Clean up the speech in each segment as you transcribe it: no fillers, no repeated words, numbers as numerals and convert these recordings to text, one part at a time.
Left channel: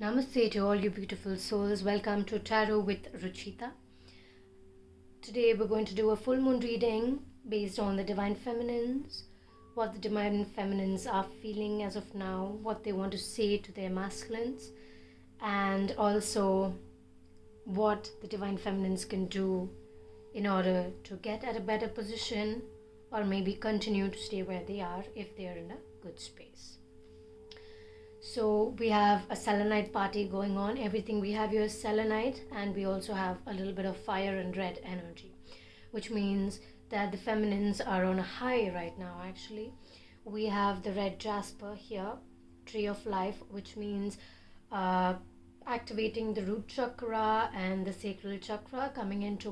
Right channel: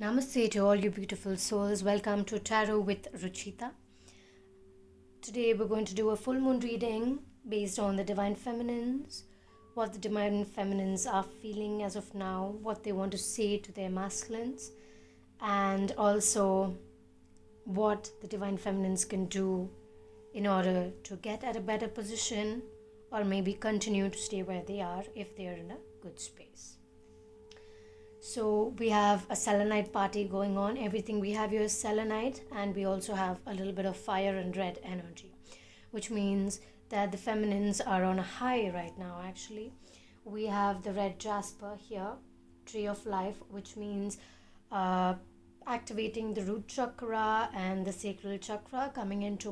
Namaste to all you beautiful souls. Welcome to Tarot with Ruchitaa. Today we're going to do a full moon reading based on the Divine Feminines, what the Divine Feminines are feeling as of now, what they want to say to their masculines, and also what the Divine Feminines can do in order to get at a better position or maybe continue to stay where they are if they are in a good space. So we have a Selenite party going on. Everything we have here is Selenite, and we also have a little bit of fire and red energy, which means that the feminines are on a high right now. Actually, we have the red jasper here, tree of life, which means activating the root chakra and the sacral chakra, coming into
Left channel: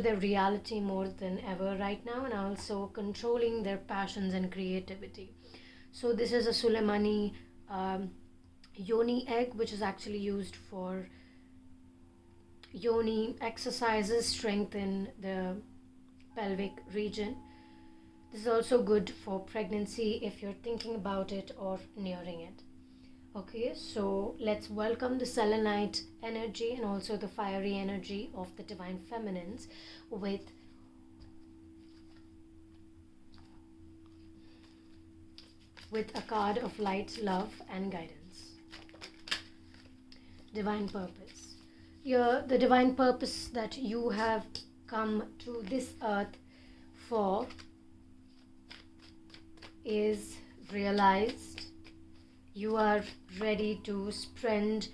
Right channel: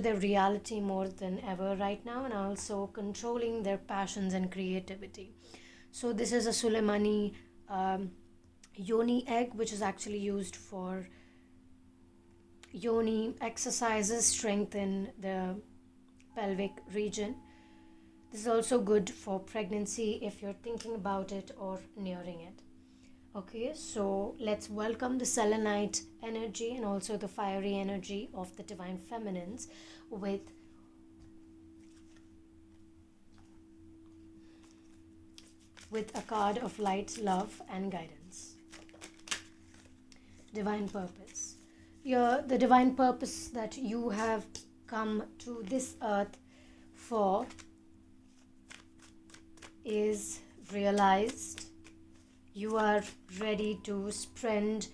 their reality more than ever right now, and also controlling their passions and creativity. So this is a Suleimani yoni egg, which is actually used for yoni exercises, strengthen the pelvic region. This is also good for pregnancy if you're thinking about it or nearing it. Okay, so let's welcome the selenite energy and also the fiery energy of the Divine Feminines with a card of light, love, and guidance. Divine purpose. The divine purpose that you have come to this earth for is realized. You are ready to spread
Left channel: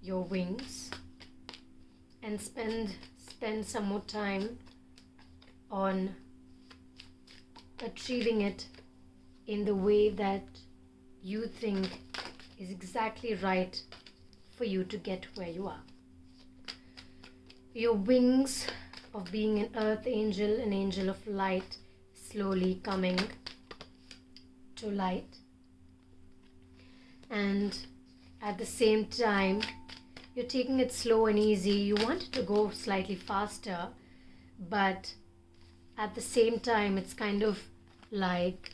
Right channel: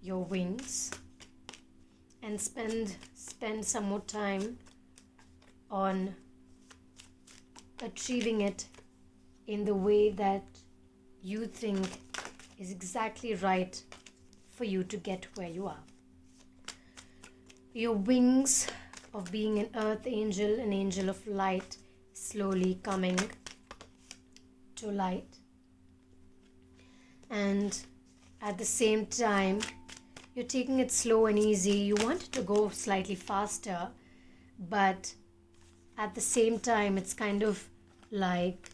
your wings and spend some more time on achieving it in the way that you think is exactly right for you to get where you are. Your wings of being an earth angel, an angel of light, slowly coming to light, and at the same time you're taking it slow and easy. You want it to go slightly faster, but at the same time it's kind of like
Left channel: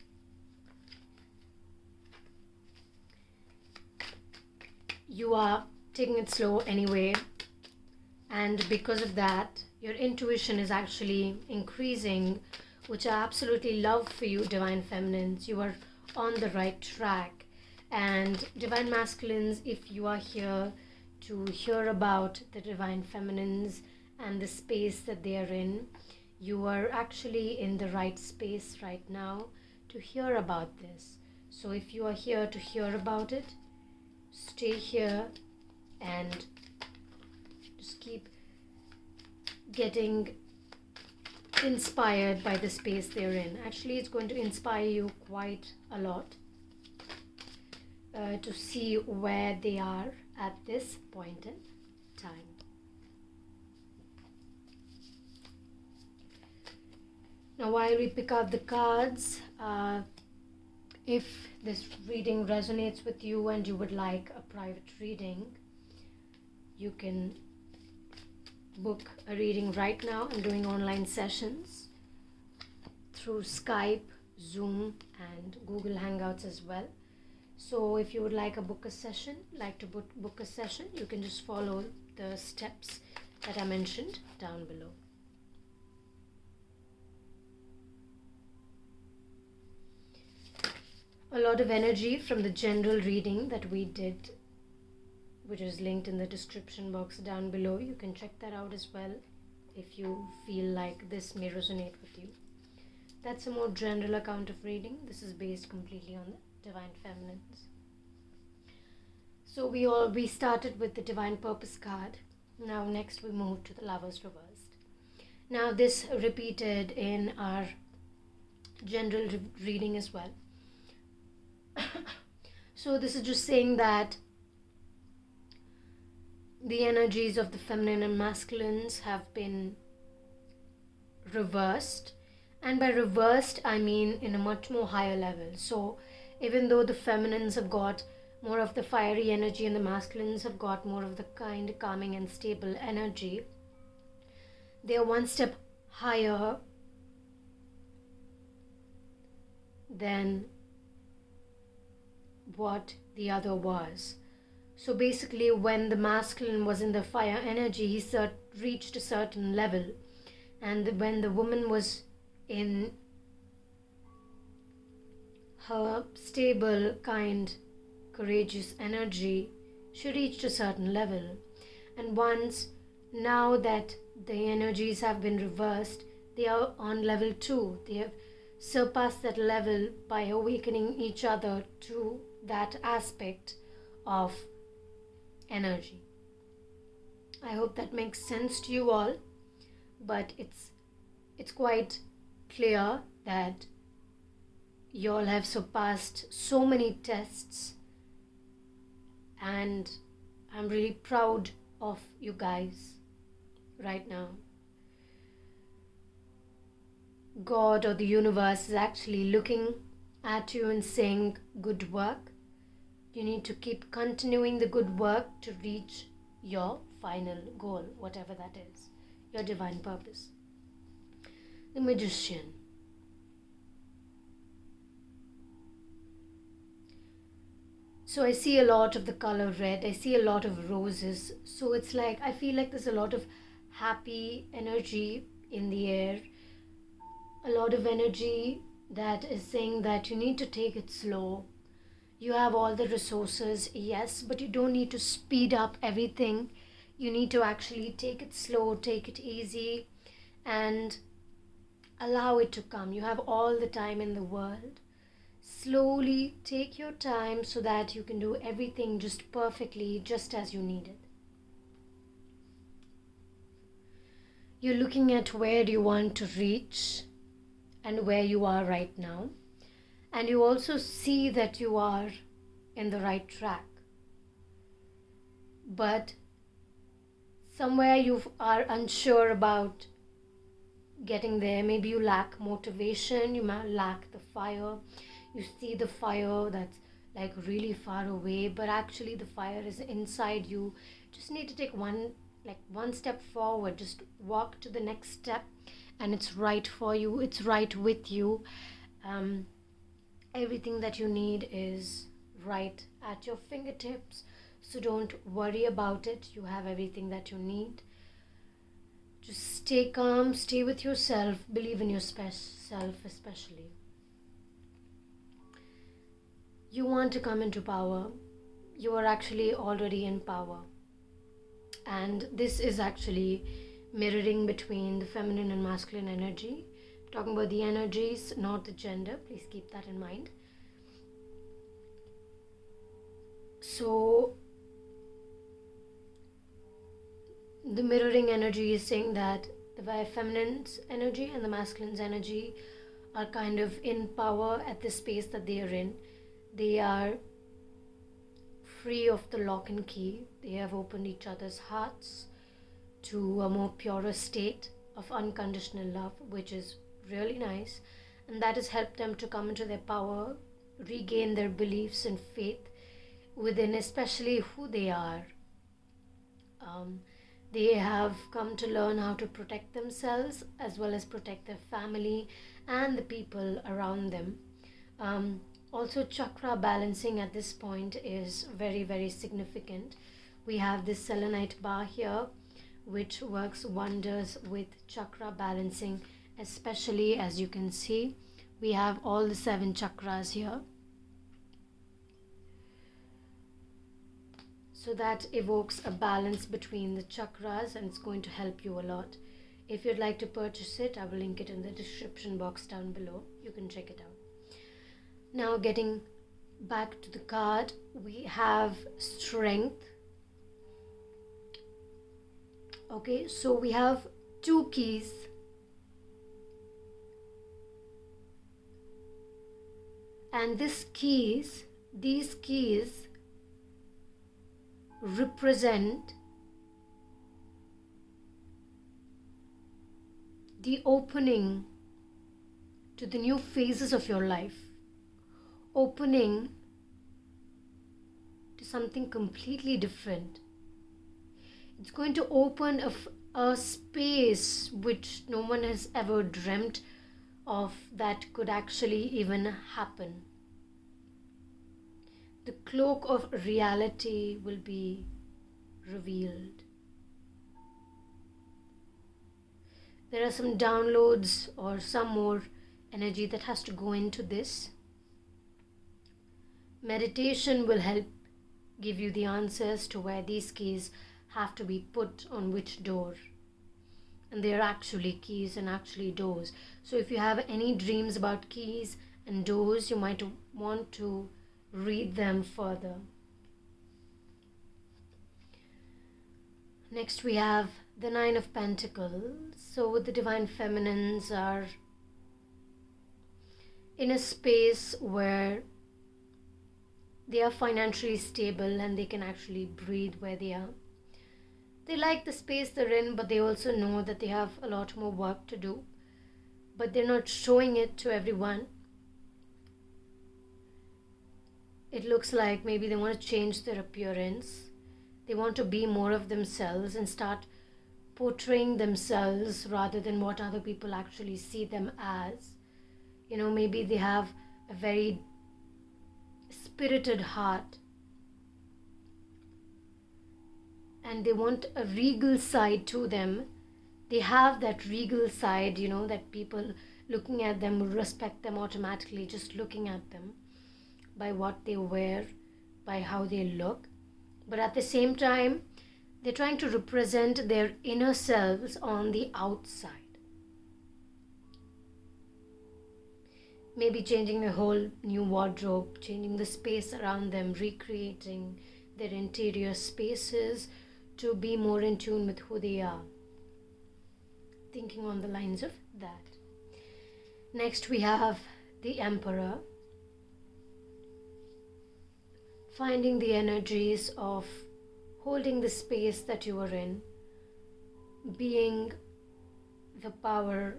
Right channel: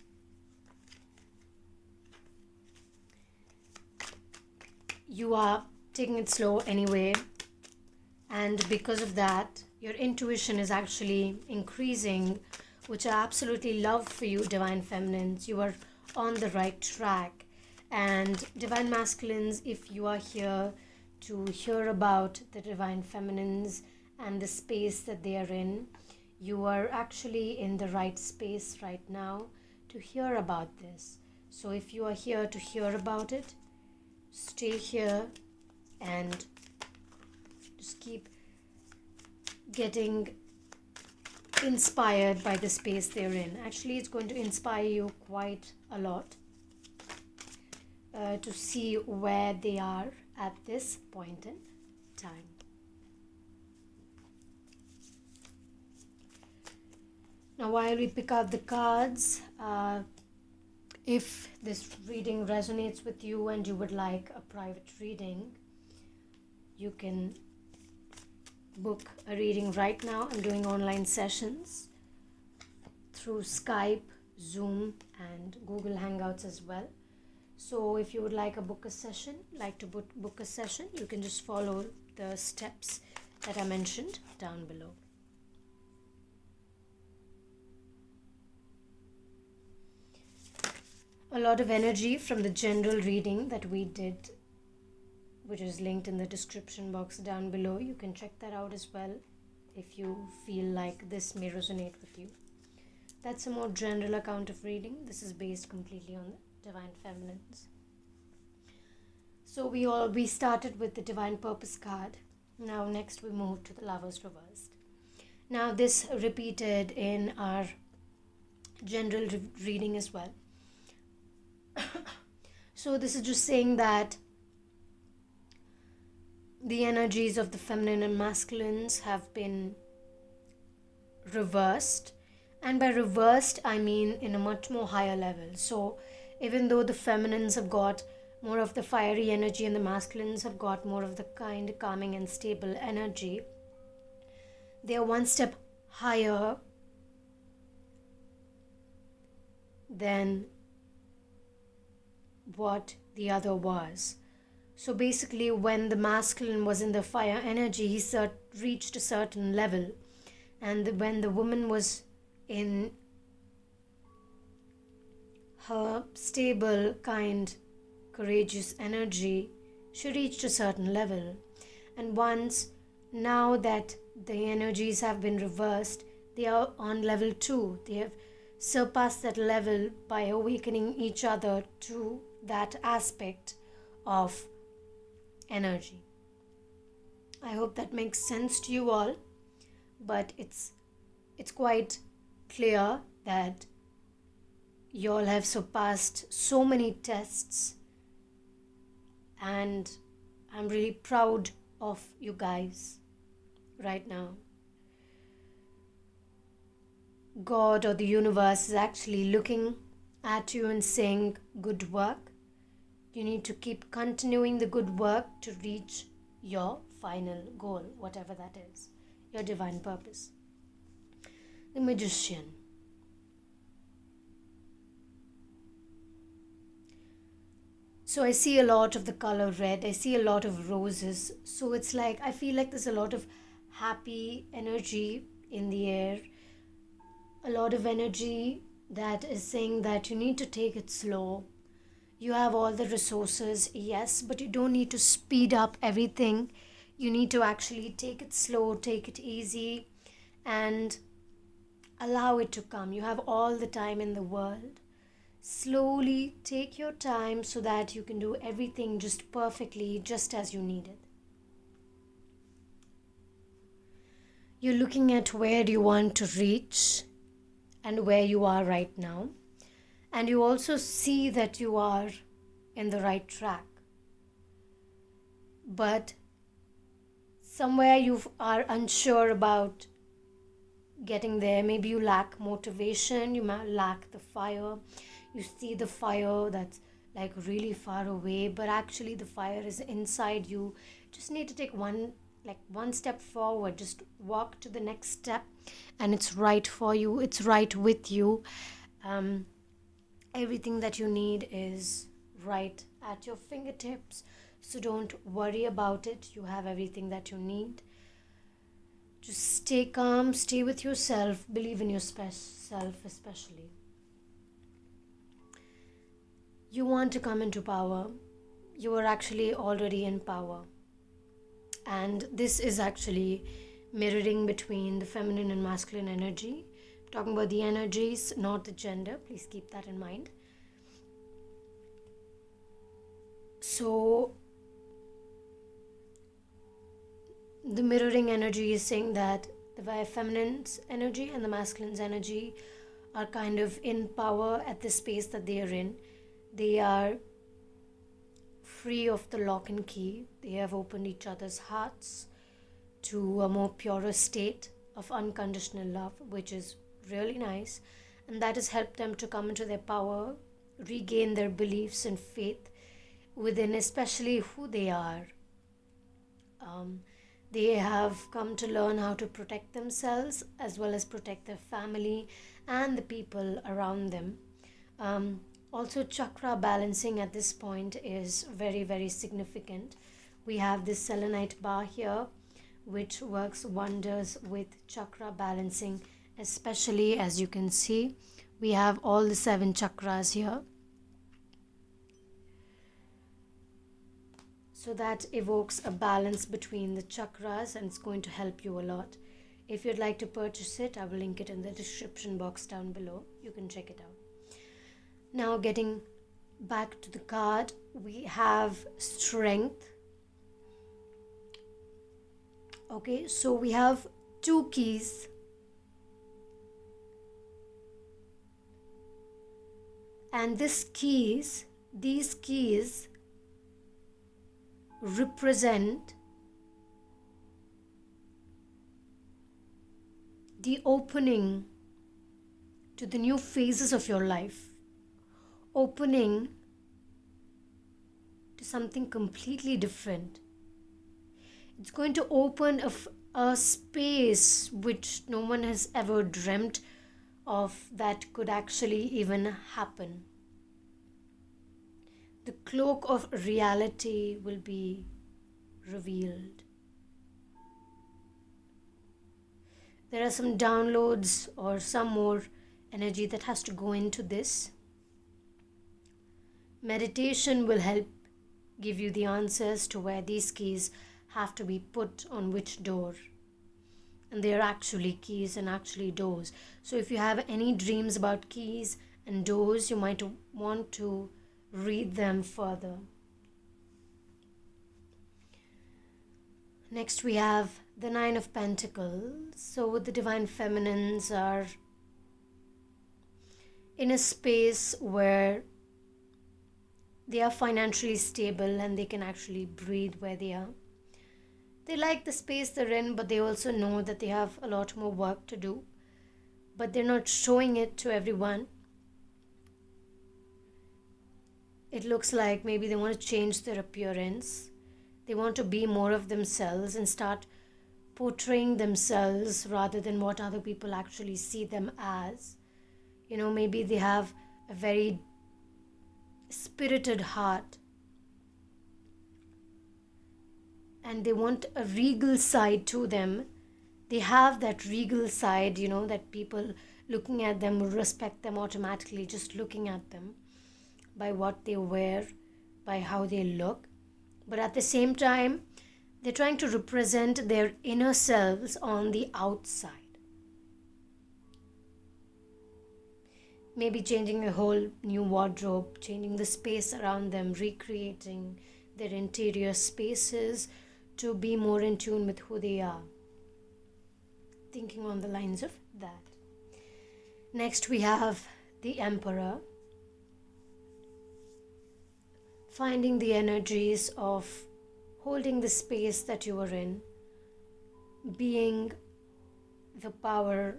you are taking it slow anyway, and because of that your intuition is actually increasing, which I absolutely love for you, Divine Feminines. You are on the right track. And Divine Masculines, if you are here to hear about the Divine Feminines and the space that they are in, you are actually in the right space right now to hear about this. So if you are here to hear about it, stay here and just keep getting inspired by the space they're in. Actually, it's going to inspire you quite a lot to see where they are at this point in time. Now, while we pick out the cards, if this reading resonates with you and you would like a private reading, you can book a reading right now. I'm doing online sessions through Skype, Zoom, and Google Hangouts as well. So if you would like to book a session, you can just follow the steps that I mentioned down below. A lot of energy from the general reading that we did, which is linked in the description box down below. You can check that out as well if you feel like this may resonate with you. That's a more general account of reading. This is based completely on the Divine Feminines. So we started with the Divine Purpose card. Now next we move to the Lovers reversed. Now this repeated in our general reading as well. So this is just saying that the energies of the feminine and masculines have been reversed, and by reversed I mean in a much more higher level. So even though the feminines have got more of the fiery energy and the masculines have got more of the kind, calming and stable energy, they are one step higher than what the other was. So basically, when the masculine was in the fire energy, he reached a certain level, and when the woman was in her stable, kind, courageous energy, she reached a certain level. And now that the energies have been reversed, they are on level 2. They have surpassed that level by awakening each other to that aspect of energy. I hope that makes sense to you all, but it's quite clear that you all have surpassed so many tests, and I'm really proud of you guys right now. God or the universe is actually looking at you and saying, good work. You need to keep continuing the good work to reach your final goal, whatever that is, your divine purpose. The Magician. So I see a lot of the color red. I see a lot of roses. So it's like, I feel like there's a lot of happy energy in the air. A lot of energy that is saying that you need to take it slow. You have all the resources, yes, but you don't need to speed up everything. You need to actually take it slow, take it easy, and allow it to come. You have all the time in the world. Slowly take your time so that you can do everything just perfectly, just as you need it. You're looking at where you want to reach and where you are right now. And you also see that you are in the right track. But somewhere you are unsure about getting there. Maybe you lack motivation, you might lack the fire. You see the fire that's like really far away, but actually the fire is inside you. Just need to take one step forward. Just walk to the next step, and it's right for you. It's right with you. Everything that you need is right at your fingertips. So don't worry about it. You have everything that you need. Just stay calm, stay with yourself, believe in yourself especially. You want to come into power. You are actually already in power. And this is actually mirroring between the feminine and masculine energy. I'm talking about the energies, not the gender. Please keep that in mind. So the mirroring energy is saying that the feminine's energy and the masculine's energy are kind of in power at the space that they are in. They are free of the lock and key. They have opened each other's hearts to a more purer state of unconditional love, which is really nice. And that has helped them to come into their power, regain their beliefs and faith within especially who they are. They have come to learn how to protect themselves as well as protect their family and the people around them. Also, chakra balancing at this point is very, very significant. We have this selenite bar here, which works wonders with chakra balancing, especially as you can see, we have all the 7 chakras here. So that evokes a balance between the chakras, and it's going to help you a lot. If you'd like to purchase it, I will link it in the description box down below. You can check it out. Now, getting back to the card, we have strength. Okay, so we have 2 keys. And these keys represent the opening to the new phases of your life. Opening to something completely different. It's going to open a space which no one has ever dreamt of that could actually even happen. the cloak of reality will be revealed. There are some downloads or some more energy that has to go into this. Meditation will help give you the answers to where these keys have to be put on which door. And they are actually keys and actually doors. So if you have any dreams about keys and doors, you might want to read them further. Next we have the Nine of Pentacles. So the Divine Feminines are in a space where they are financially stable and they can actually breathe where they are. They like the space they're in, but they also know that they have a lot more work to do. But they're not showing it to everyone. It looks like maybe they want to change their appearance. They want to be more of themselves and start portraying themselves rather than what other people actually see them as. You know, maybe they have a very spirited heart and they want a regal side to them. They have that regal side, you know, that people looking at them will respect them automatically just looking at them, by what they wear, by how they look. But at the same time, they're trying to represent their inner selves on the outside. Maybe changing a whole new wardrobe, changing the space around them, recreating their interior spaces to be more in tune with who they are. Thinking on the lines of that. Next we have the Emperor. Finding the energies of holding the space that you are in, being the power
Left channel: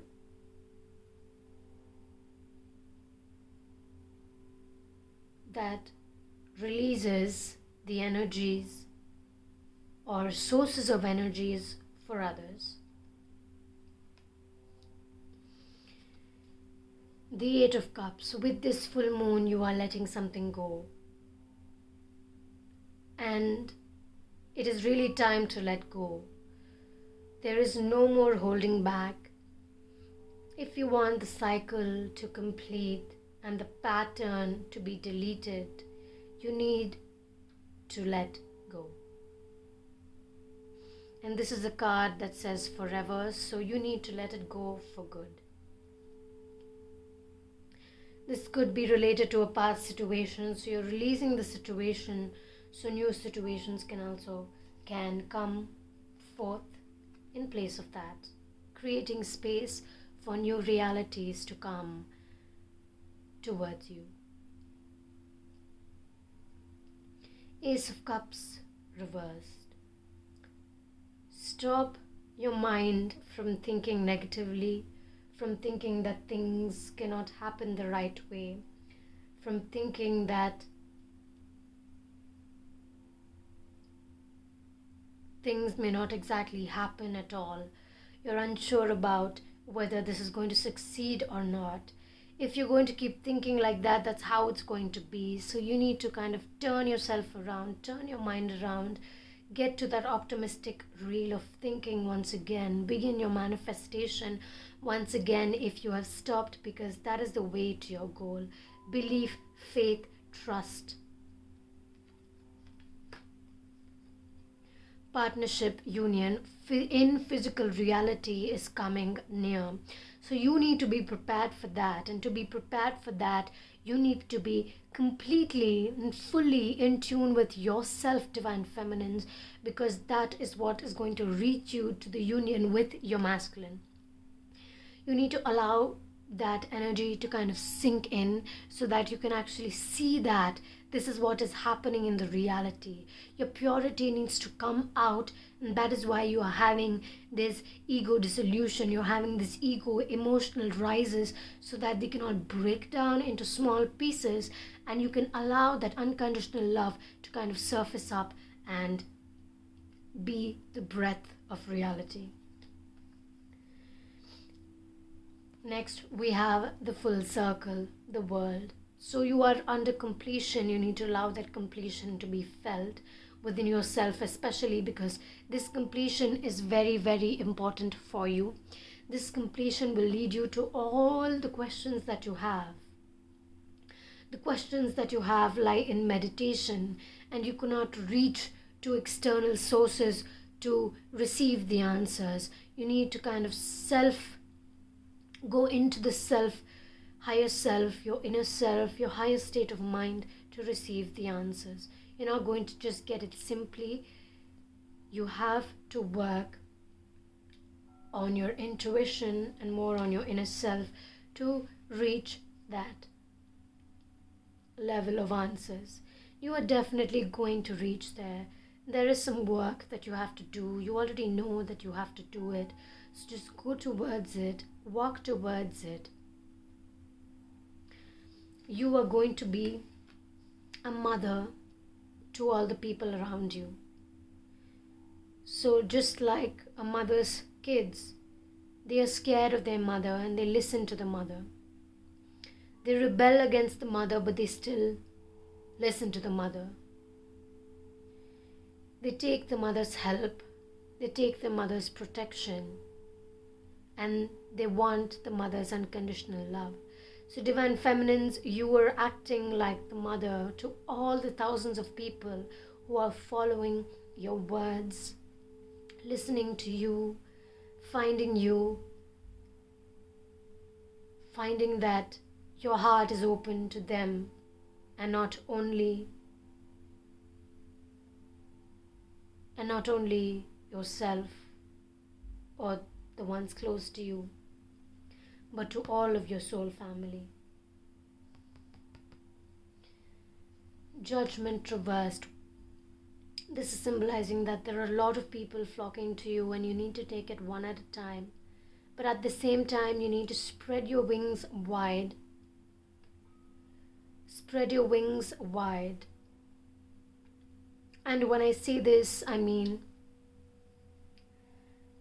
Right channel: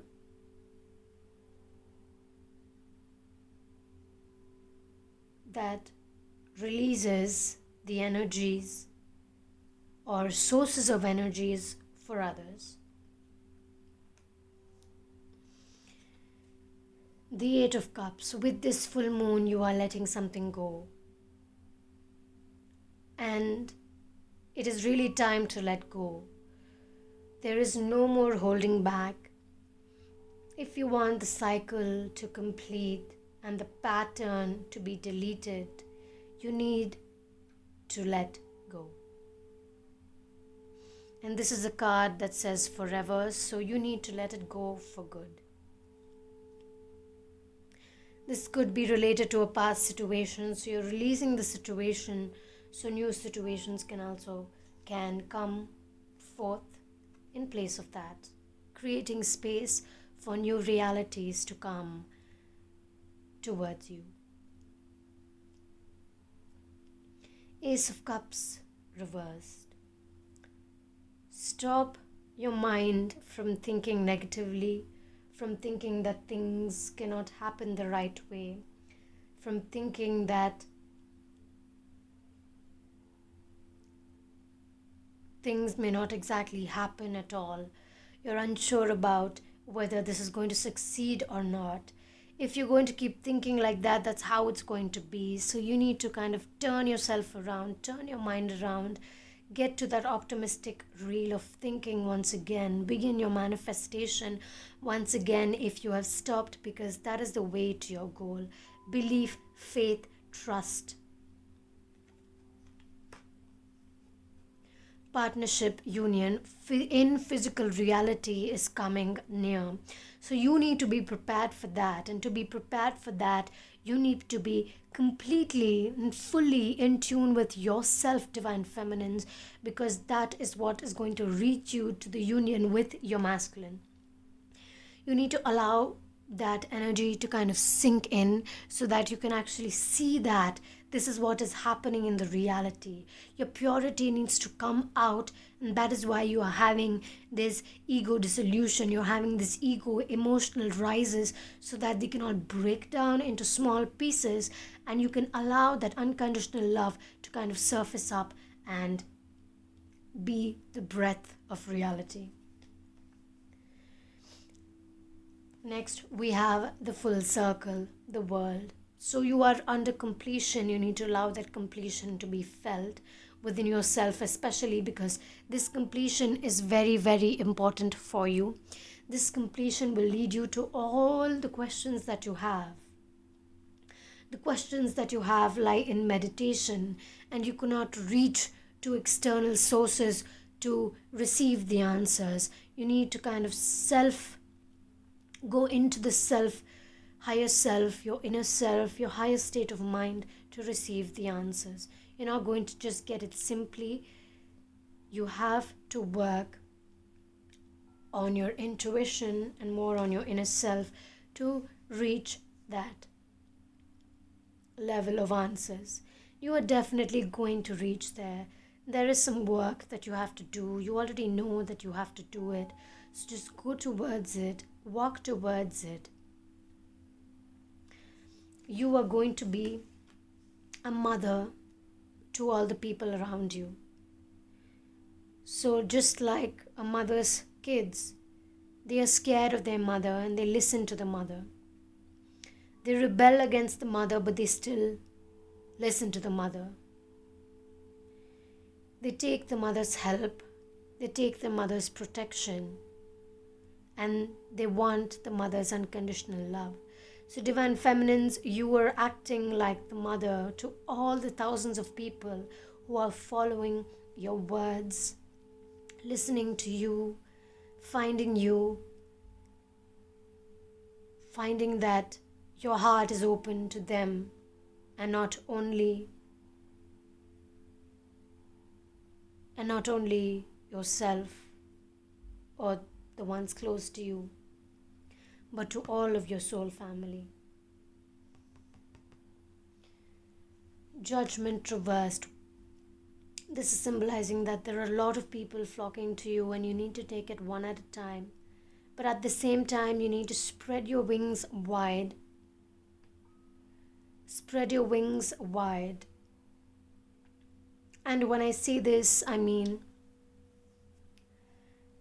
that releases the energies or sources of energies for others. The Eight of Cups. With this full moon, you are letting something go. And it is really time to let go. There is no more holding back. If you want the cycle to complete and the pattern to be deleted, you need to let go. And this is a card that says forever, so you need to let it go for good. This could be related to a past situation, so you're releasing the situation so new situations can come forth in place of that, creating space for new realities to come towards you. Ace of Cups reversed. Stop your mind from thinking negatively, from thinking that things cannot happen the right way, from thinking that things may not exactly happen at all. You're unsure about whether this is going to succeed or not. If you're going to keep thinking like that, that's how it's going to be. So you need to kind of turn yourself around, turn your mind around, get to that optimistic reel of thinking once again, begin your manifestation once again if you have stopped, because that is the way to your goal. Belief, faith, trust. Partnership, union in physical reality is coming near. So you need to be prepared for that. And to be prepared for that, you need to be completely and fully in tune with yourself, Divine Feminines, because that is what is going to reach you to the union with your masculine. You need to allow that energy to kind of sink in so that you can actually see that this is what is happening in the reality. Your purity needs to come out, and that is why you are having this ego dissolution. You're having this ego emotional rises so that they cannot break down into small pieces, and you can allow that unconditional love to kind of surface up and be the breath of reality. Next, we have the full circle, the world. So you are under completion. You need to allow that completion to be felt within yourself, especially because this completion is very, very important for you. This completion will lead you to all the questions that you have. The questions that you have lie in meditation, and you cannot reach to external sources to receive the answers. You need to kind of go into the higher self, your inner self, your higher state of mind to receive the answers. You're not going to just get it simply. You have to work on your intuition and more on your inner self to reach that level of answers. You are definitely going to reach there. There is some work that you have to do. You already know that you have to do it. So just go towards it, walk towards it. You are going to be a mother to all the people around you. So just like a mother's kids, they are scared of their mother and they listen to the mother. They rebel against the mother, but they still listen to the mother. They take the mother's help, they take the mother's protection, and they want the mother's unconditional love. So divine feminines, you are acting like the mother to all the thousands of people who are following your words, listening to you, finding that your heart is open to them and not only yourself or the ones close to you, but to all of your soul family. Judgment reversed. This is symbolizing that there are a lot of people flocking to you and you need to take it one at a time. But at the same time, you need to spread your wings wide. Spread your wings wide. And when I say this, I mean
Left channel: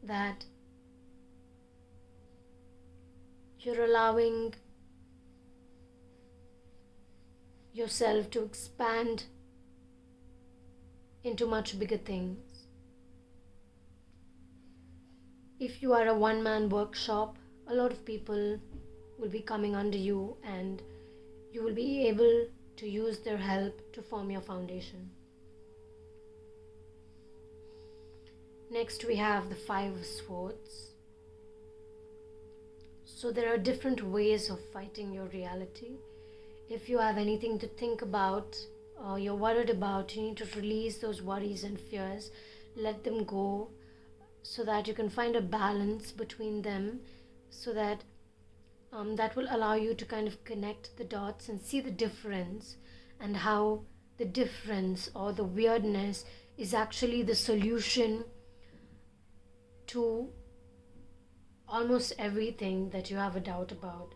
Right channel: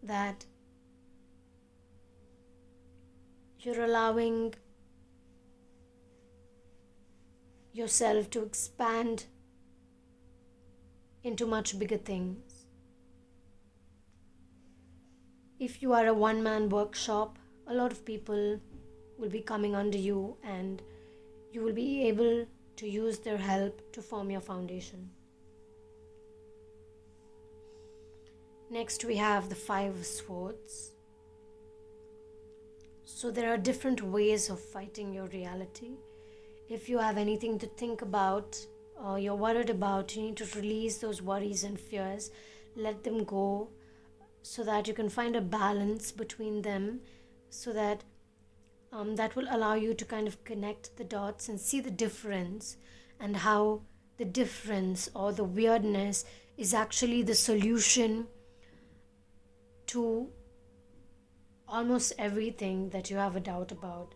that you're allowing yourself to expand into much bigger things. If you are a one-man workshop, a lot of people will be coming under you and you will be able to use their help to form your foundation. Next we have the 5 of Swords. So there are different ways of fighting your reality. If you have anything to think about or you're worried about, you need to release those worries and fears. Let them go so that you can find a balance between them, so that that will allow you to kind of connect the dots and see the difference, and how the difference or the weirdness is actually the solution to almost everything that you have a doubt about.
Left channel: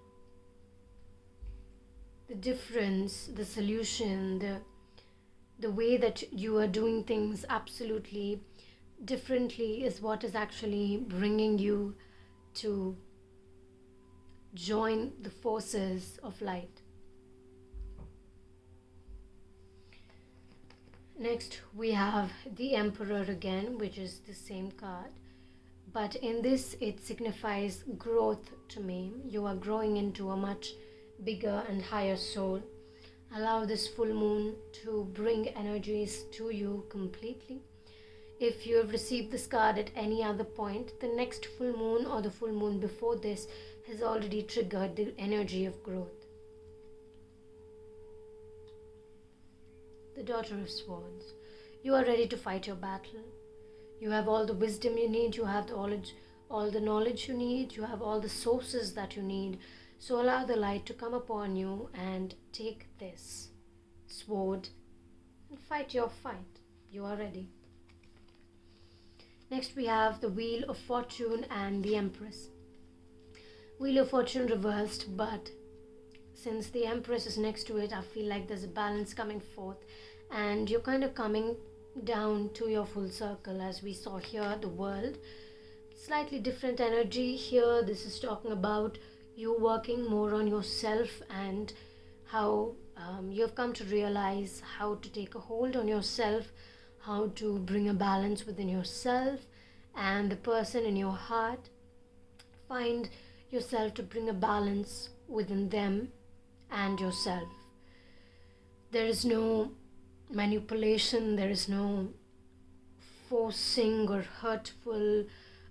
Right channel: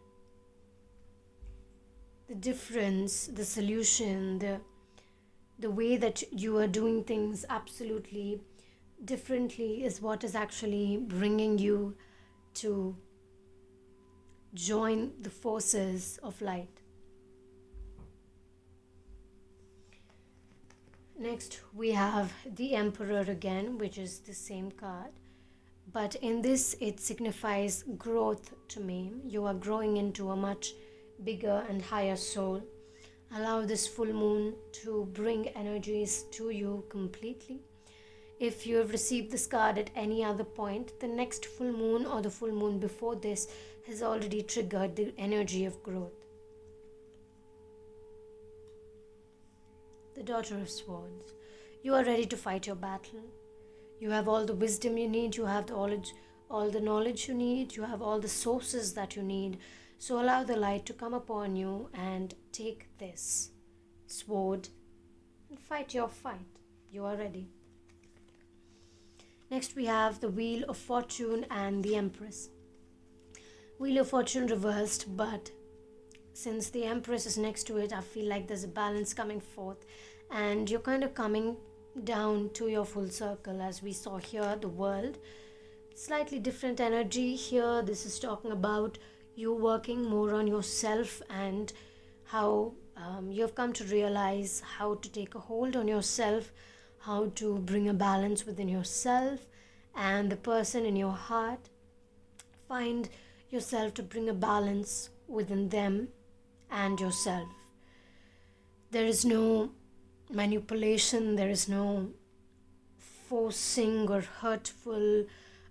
The difference, the solution, the way that you are doing things absolutely differently is what is actually bringing you to join the forces of light. Next, we have the Emperor again, which is the same card. But in this, it signifies growth to me. You are growing into a much bigger and higher soul. Allow this full moon to bring energies to you completely. If you have received this card at any other point, the next full moon or the full moon before this has already triggered the energy of growth. The Daughter of Swords. You are ready to fight your battle. You have all the wisdom you need, you have all the knowledge you need, you have all the sources that you need. So allow the light to come upon you and take this sword and fight your fight. You are ready. Next we have the Wheel of Fortune and the Empress. Wheel of Fortune reversed, but since the Empress is next to it, I feel like there's a balance coming forth and you're kind of coming down to your full circle. As we saw here, the world, slightly different energy here. This is talking about you working more on yourself and how you've come to realize how to take a hold on yourself, how to bring a balance within yourself and the person in your heart. Find yourself to bring a balance within them and yourself. There is no manipulation, there is no forcing or hurtful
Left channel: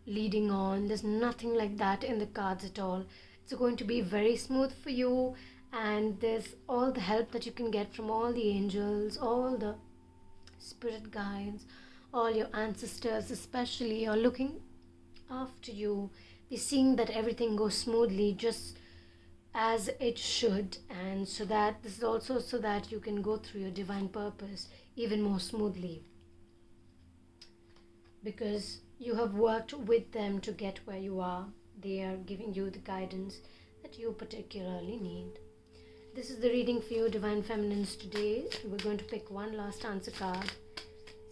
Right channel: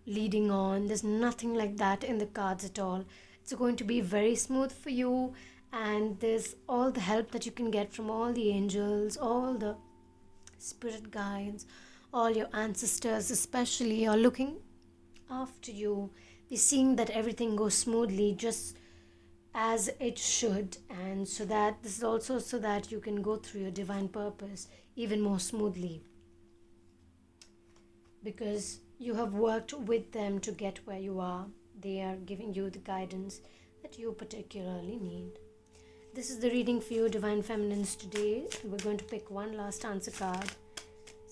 leading on. There's nothing like that in the cards at all. It's going to be very smooth for you, and there's all the help that you can get from all the angels, all the spirit guides, all your ancestors especially are looking after you. They're seeing that everything goes smoothly just as it should, and so that this is also so that you can go through your divine purpose even more smoothly, because you have worked with them to get where you are. They are giving you the guidance that you particularly need. This is the reading for you, Divine Feminines, today. We're going to pick one last answer card,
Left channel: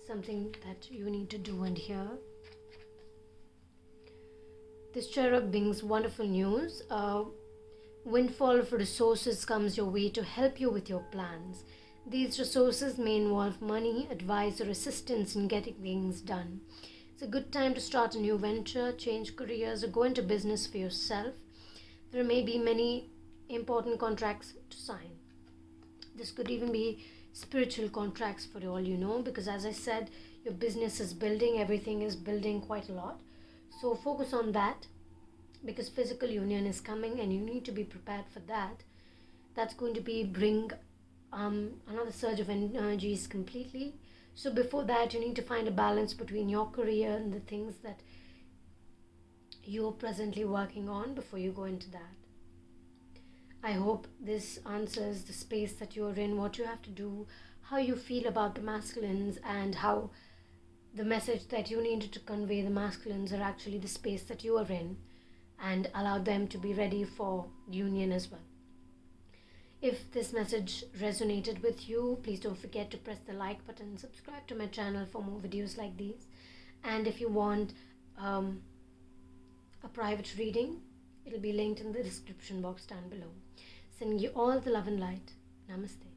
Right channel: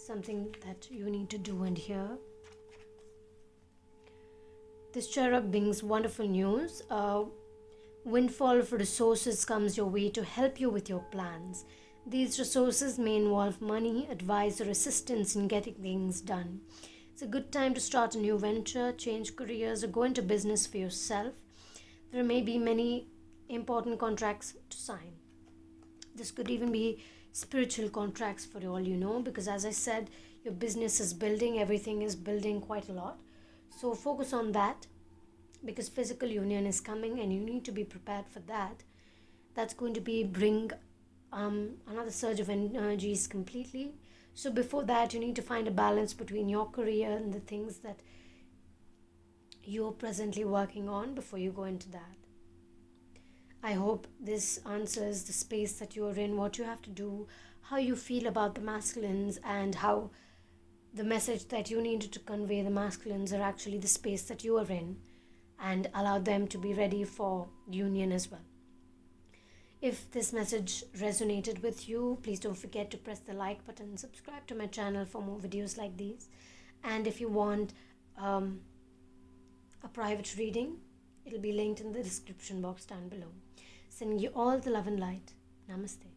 something that you need to do and hear. This cherub brings wonderful news. Windfall of resources comes your way to help you with your plans. These resources may involve money, advice, or assistance in getting things done. It's a good time to start a new venture, change careers, or go into business for yourself. There may be many important contracts to sign. This could even be spiritual contracts for all you know, because as I said, your business is building, everything is building quite a lot. So focus on that, because physical union is coming and you need to be prepared for that. That's going to be bring another surge of energies completely. So before that, you need to find a balance between your career and the things that you're presently working on before you go into that. I hope this answers the space that you're in, what you have to do, how you feel about the masculines, and how the message that you needed to convey the masculines are actually the space that you are in, and allow them to be ready for union as well. If this message resonated with you, please don't forget to press the like button, subscribe to my channel for more videos like these. And if you want a private reading, it'll be linked in the description box down below. Sending you all the love and light. Namaste.